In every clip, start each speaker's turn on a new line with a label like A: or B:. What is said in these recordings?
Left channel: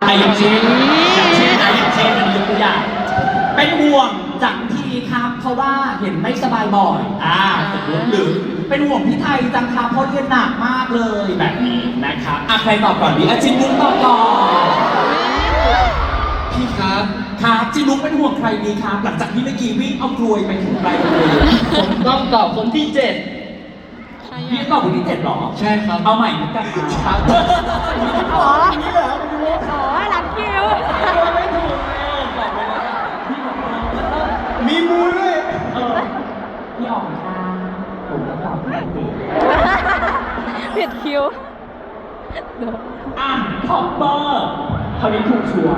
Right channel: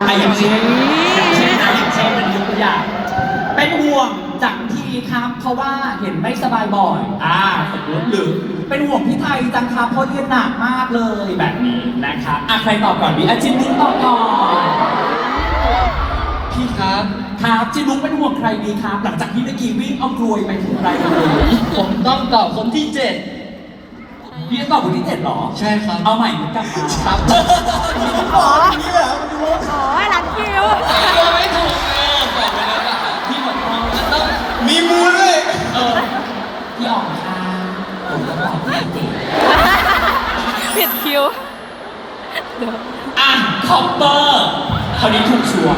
A: อะอย่างเช่นอย่างเช่นนะอย่างเช่นอันนี้ยกตัวอย่างเป็นห่วงจังทีครับ เพราะว่าเห็นไม่สบายบ่อยอ่าสมมติหรือเป็นห่วงพี่ไทยจังครับเพราะเรียนหนักมากเลยแบบนี้นะครับอะใครตอบก่อนดีอะจินนุ้งตอบก่อน
B: พี่ครับ
A: ครับจินุ้งเป็นห่วงใครดีครับ หลังจากที่เมื่อกี้วิ่งเอากลวยไปถึงใครกันเลย
B: ผมต้องตอบคนที่เจ็ด
A: พี่จะตอบคนที่เจ็ดเหรอ
B: ใช่ครับ
A: เอาใหม่เหมือนกัน
B: ครับ
C: อ๋อ อ๋อรัดคิว
B: ไม่ถูกเลยตอบไปเลยว่าพี่บอกว่าต้อง
D: มีมูด้วย
A: เออพี่อ๋องค่ะผมจะตอบพี่เจ็ด
C: ผิดคิวเดี๋ยว
A: อะคอปเปอร์คราวนี้ถูกชัวร์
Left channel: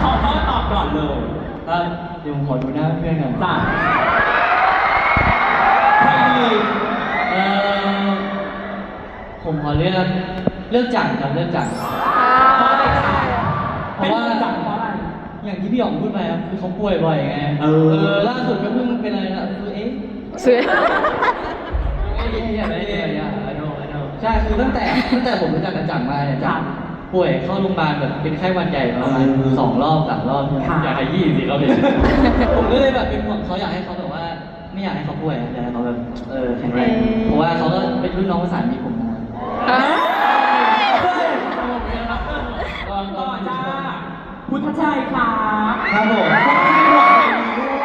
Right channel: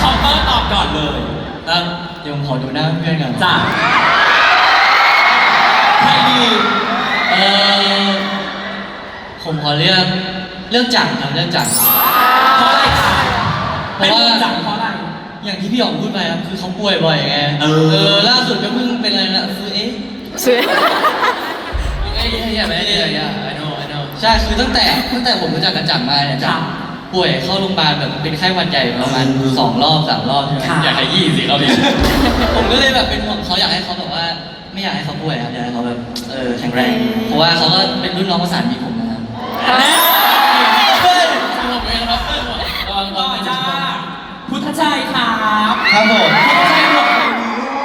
A: คอปเปอร์ตอบก่อนเลย
B: ครับเดี๋ยวผมขอดูหน้าเพื่อนกัน
A: จ้ะใครดี
B: เออผมขอเลือกเลือกจังครับเลือกจัง
A: เพราะอะไรคะ
B: เพ
A: เป็น
B: ราะว่า
A: ห่วงจังเพราะอะไร
B: อย่างที่พี่อ๋องพูดไปครับคือเขาป่วยบ่อยไง
A: เออ
B: ล่าสุดก็เพิ่งเป็นอะไรนะคือเอ๊ะ
C: สวย
B: เอ้ยอย่าไม่ได้อย่า I know I know ใช่คือตั้งแต่ตั้งแต่ผมรู้จักกันจังมาเนี่ยจังป่วยเข้าโรงพยาบาลแบบเป็นไข้หวัดใหญ่ประมาณสองรอบสามรอบใช่ไหม
A: ค่ะ
B: อยากขยี้สิเขาพี่ผมก็เลยแบบเป็นห่วงเขาอยากให้เขาแบบว่า ไม่อยากให้เขาป่วยครับอยากให้เขาแบบ เออแข็งแรง เพราะว่าเขาก็เป็นรุ่นน้องภาษานมิตรผมนะครับ
C: ฮะ
A: ต่อจ้าพุทธชัยครับ
D: ครับผม
A: พุทธชัยห่วงใครดีลูก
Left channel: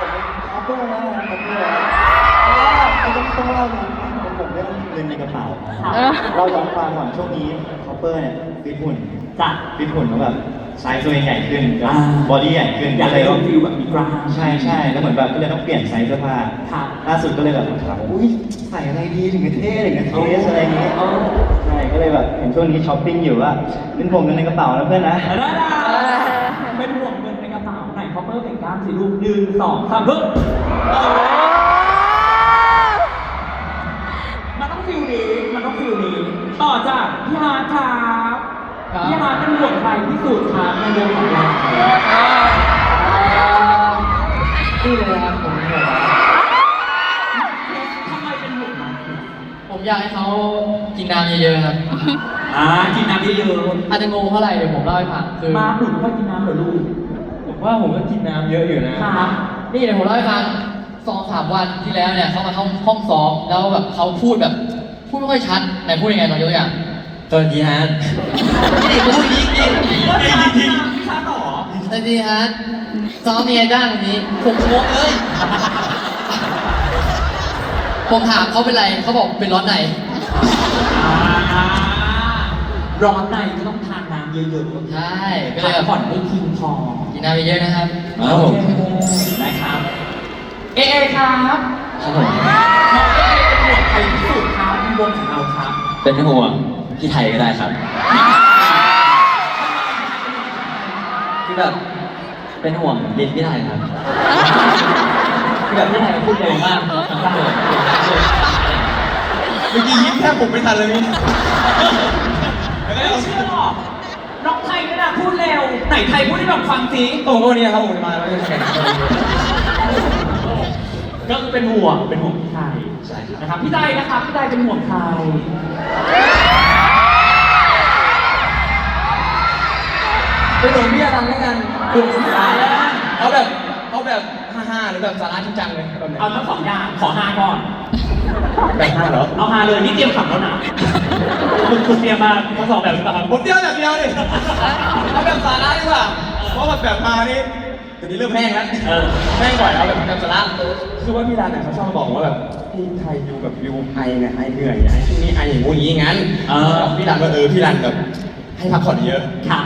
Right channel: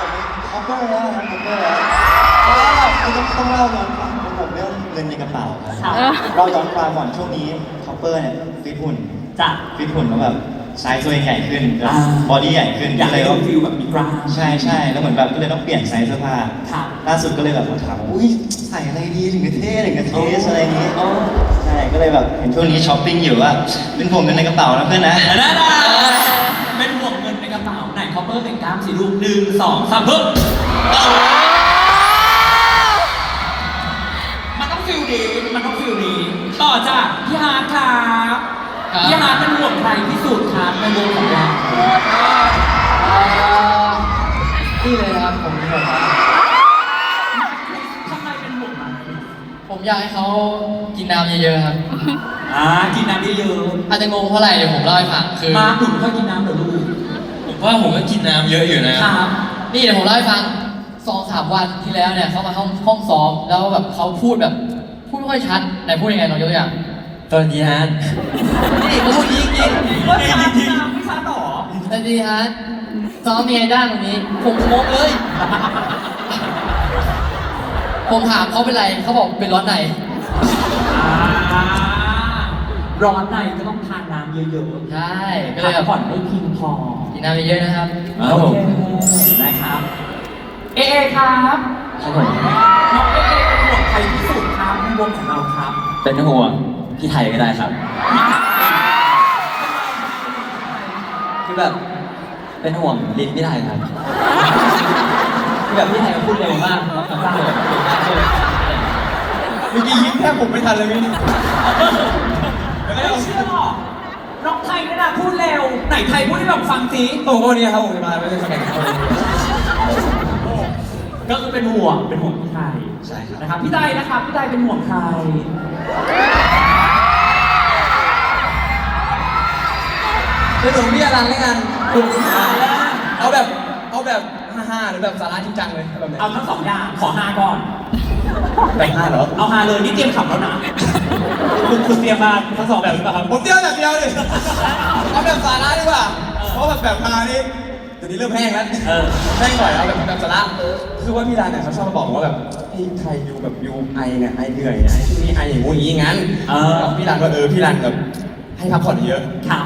D: ผมเป็นคัพเปอร์แล้วนะครับคัพเปอร์แล้วก็ต้องต้องเล่าย้อนความเป็นผมเรื่อง เงินในกระเป๋าครับเราย้อนความก่อนช่วงนี้คัพเปอร์เนี่ยฟิตหุ่น
A: จ้ะ
D: ฟิตหุ่นแล้วแบบไซส์ตัวเองใหญ่ขึ้น
A: อ่า
D: บอดี้ใหญ่ขึ้น
A: อยาก
D: ก็เล
A: ให้
D: ย
A: เรา
D: ว่า
A: ฟิลแบบมีกล้าม
D: ใช่ใช่แล้วเหมือนแบบก็เลยต้องเปลี่ยนไซส์เสื้อผ้า
A: ครับ
D: ล่าสุดก็เลยแบบถามว่าอุ้ยใส่อะไรดีถึงจะเท่ถึงจะเทสอะไรอย่างเงี้ย
A: อ๋อ
D: ใช่ก็เลยแบบเห็นช่วงนี้ช้อปปิ้งอยู่ว่าเป็นห่วงเงินในกระเป๋านะเพื่อนนะ
A: นั่นน่ะเป็นห่วงเงินในกระเป๋าไหนคอปเปอร์เป็นกล้ามสิลูกหนึ่งสองสามปึ๊บมัน พี่ฮาร์ดเป็นห่วงใครที่สุดครับในวงของเรา
B: นี่เลยนะครับผมนี่เลยครับ
A: ทำไมเป็นห่วงมัน
B: ผมอยากให้เขากินน้ำเยอะๆครับ
A: อ่ากินน้ำเยอะ
B: อาจจะงงเพราะอะไรเดี๋ยวผมเล่าให้ฟังคือ
A: ๆมาหนูก็กินน้ำเหรอลูก
E: ผมว่าผมก็กินน้ำเยอะอยู่นะ
A: ครับ
B: นี่เดี๋ยวผมเล่าให้ฟังสองสามวันที่แล้วเนี่ยเขามาห้องห้องซ้อมแล้วแบบเขาพูดแบบ พูดไม่ค่อยชัดไหนพูดยังไงลองยกตัวอย่าง
E: สวัสดีฮะ
B: นี่ พูดนี้จริง
A: ว่าชาพี่น้ำพี่ชาต่อ
B: สวัสดีฮะซ้อมยังไงด้านวันนี้ผมงงเลยผมถามเขาเป็นไรเขาบอกเป็นร้อนใน
A: อ่าร้อนในก็ต้องทานน้ำเยอะๆ
B: ใช่ก็
A: พั
B: เลย
A: ก
B: แบบ
A: ผ่อนให้เพียงพอ
B: กินน้ำเยอะๆนะครับ
E: ครับผม
A: โอเคนะครับ เอเอครับ
E: ครับผม
A: น้องเอเอเป็นห่วงใครที่สุดครับในวงของเราครับ
E: เป็นห่วงพี่ไทยก็ได้ครับคือ แบบเป็นห่วงลิ้นพี่ไทยครับคือแบบพี่ไทยพูดเร็วมากทั้งสร้างเลย
D: เมื่อกี้ยิ้มแทบผมไม่ทันเลยพี่
A: ไม่เชื่อหรอกน้องไทยก็นะพูดเร็ว ไหนไทยพูดให้แบบฟังสิ
E: โอ้โหเนี่ยครับผมจะมาแล้วจะแข่งกัน
A: ก็คือเป็นห่วงเป็นห่วงพี่ไทย
E: ใช่ครับ
A: นะครับพี่ไทยนะครับพี่ไทยเป็นห่วงใคร
E: เป็นห่วงพี่อรันแล้วกัน
A: ห่วงพี่ไทยแล้วกัน
E: เอาแบบเอาแบบฮ่าๆหรือแบบสาระจริงจังเลยแบบไหน
A: เอาทั้งสองอย่างขอฮาก่อน
E: แบบฮ่าเหรอ
A: เอาฮาเลยนี่เตรียมขับแล้วนะคุณคุณเตรียมมาทั้งสองแบบหรือเปล่าครับ
E: ผมเที่ยวแบบเดียวดิเอาแบบสาระดีกว่า เพราะแบบแบบมานี่เดี๋ยวนี้เริ่มแห้งแล้ว
A: เออ
E: แห้งบ่อยเอาแบบแบบสาระคือว่าพี่รันเนี่ยเขาชอบมาบอกว่าแบบพี่ไทยอยู่แบบอยู่ไอเนี่ยไอเหนื่อยไอที่นี่ไออย่างงู้นอย่างงี้งั้น
A: เออ
E: พี่รันก็เออพี่รันแบบให้พักผ่อนเยอะ
A: ค่ะ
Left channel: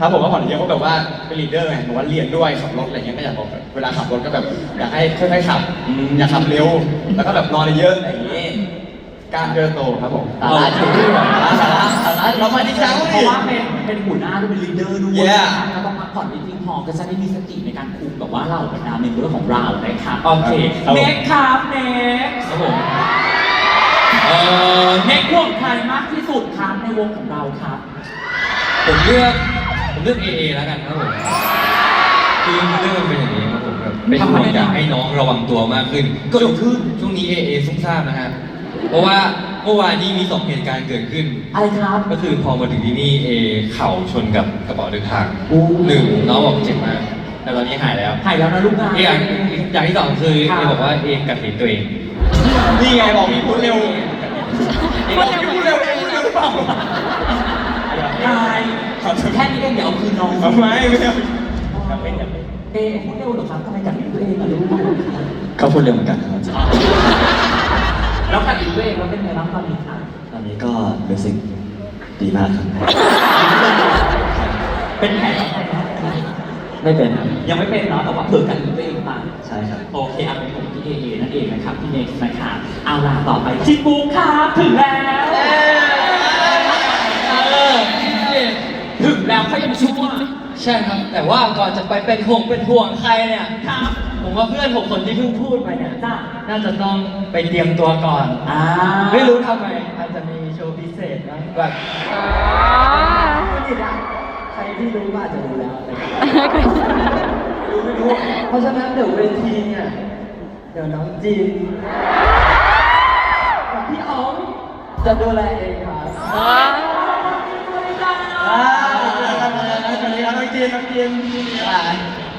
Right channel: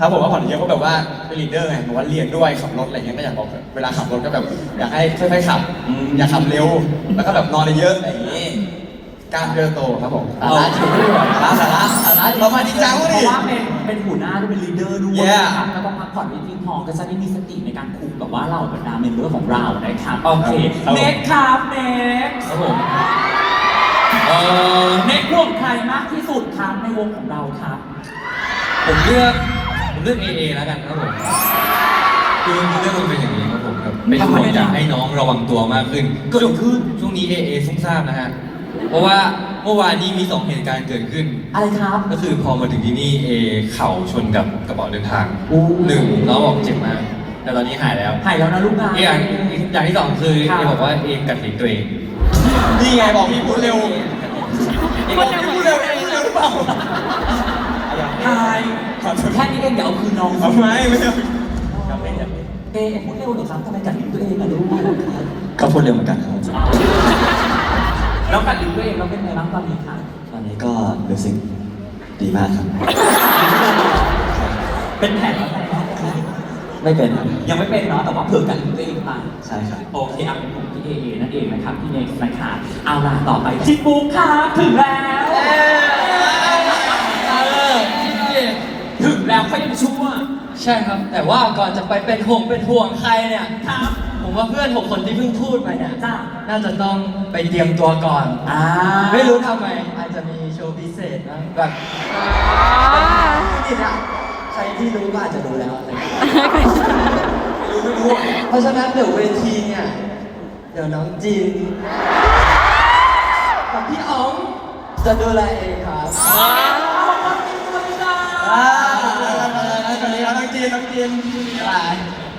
E: ครับผมว่าผ่อนเยอะก็แบบว่าเป็นลีดเดอร์ไงบอกว่าเรียนด้วยขับรถอะไรเงี้ยก็อยากบอกแบบเวลาขับรถก็แบบอยากให้ค่อยๆขับอืมอย่าขับเร็ว แล้วก็แบบนอนเยอะๆอะไรอย่างงี้การเจอโตครับผม
B: สาระจริงด้วย
E: สาระสาระสาระเรามาจริงจัง
A: เพ
E: ดิ
A: ราะว่าเป็นเป็นหัวหน้าด้วยเป็นลีดเดอร์ด้วย
E: Yeah
A: นะครับก็ต้องพักผ่อนให้เพียงพอก็จะได้มีสติในการคุมแบบว่าเราบรรดาเมมเบอร์ของเรานะครับโอเค
E: ครับผม
A: เน็กครับเน็ก
E: ครับผมเออ
A: เน็กห่วงใครมากที่สุดครับในวงของเราครับ
E: ผมเลือกผม
F: ผม เลือก AA แล้วกันครับผมคือเรื่องมันเป็นอย่างนี้ครับผมแบบเป็นห่วงอยากให้น้องระวังตัวมากขึ้น
A: เกิดขึ้น
F: ช่วงนี้ AA ซุ่มซ่ามนะฮะเพราะว่าเมื่อวานนี้มีสองเหตุการณ์เกิดขึ้น
A: อะไรครับ
F: ก็คือพอมาถึงที่นี่เอเข่าชนกับกระเป๋าเดินทาง
A: อู้
F: หนึ่งน้องบอกเจ็บมาก แต่ตอนนี้หายแล้ว
A: หายแล้วนะลูกนะ
F: อีกอย่างอย่างที่สองคือเอบอกว่าเอกัดลิ้นตัวเอง
E: นี่ไงบอกพี่พูดเร็ว
C: พูดเร็วเหมือนกันเลยนะ
A: นายแค่นี้เองอย่าเอาคืนน้อง
E: ทำไมไม่เอา
A: เอ๊ะพูดเร็วเหรอครับทำไมกัดลิ้นตัวเองล่ะลูก
D: ก็พูดเร็วเหมือนกันครับ
A: แล้วกัดลิ้นตัวเองเราเป็นไงบ้างตอนนี้ครับ
D: ตอนนี้ก็รู้สึกดีมากครับ
A: เป็นแผลไม่
D: เป็นครับ
A: ยังไม่เป็นเนาะแต่ว่าเผื่อกันตัวเองไป
D: ใช่ครับ
A: โอเคเอาเป็นผมพี่เอนั่นเองนะครับพี่เนกนะครับเอาล่ะต่อไปที่บุ๊คครับถึงแล้ว ถึงแล้วค่อยดูชั่ว
B: ใช่ครับ แต่ว่าก่อนจะไปเป็นห่วงเป็นห่วงใครเนี่ย
A: ครับ
B: ผมว่าเพื่อนผมคนที่เพิ่งพูดไปเนี่ย
A: จ้า
B: น่าจะต้องไปเตรียมตัวก่อน
A: อ่า
B: ไม่รู้ทำไมอาจจะมีโชว์พิเศษนะแบบ
C: อ๋อ
B: ใครที่รู้ก็อาจจะรู้แล้วแต่ไม่รู้ไม่รู้ เพราะฉะนั้นเดี๋ยวเวทีเนี่ยเดี๋ยวน้องจีนกับพี่อ๋องจะดูแลเองครับ
C: ว้าว
B: อ่า
E: สวัสดีครั บน้อ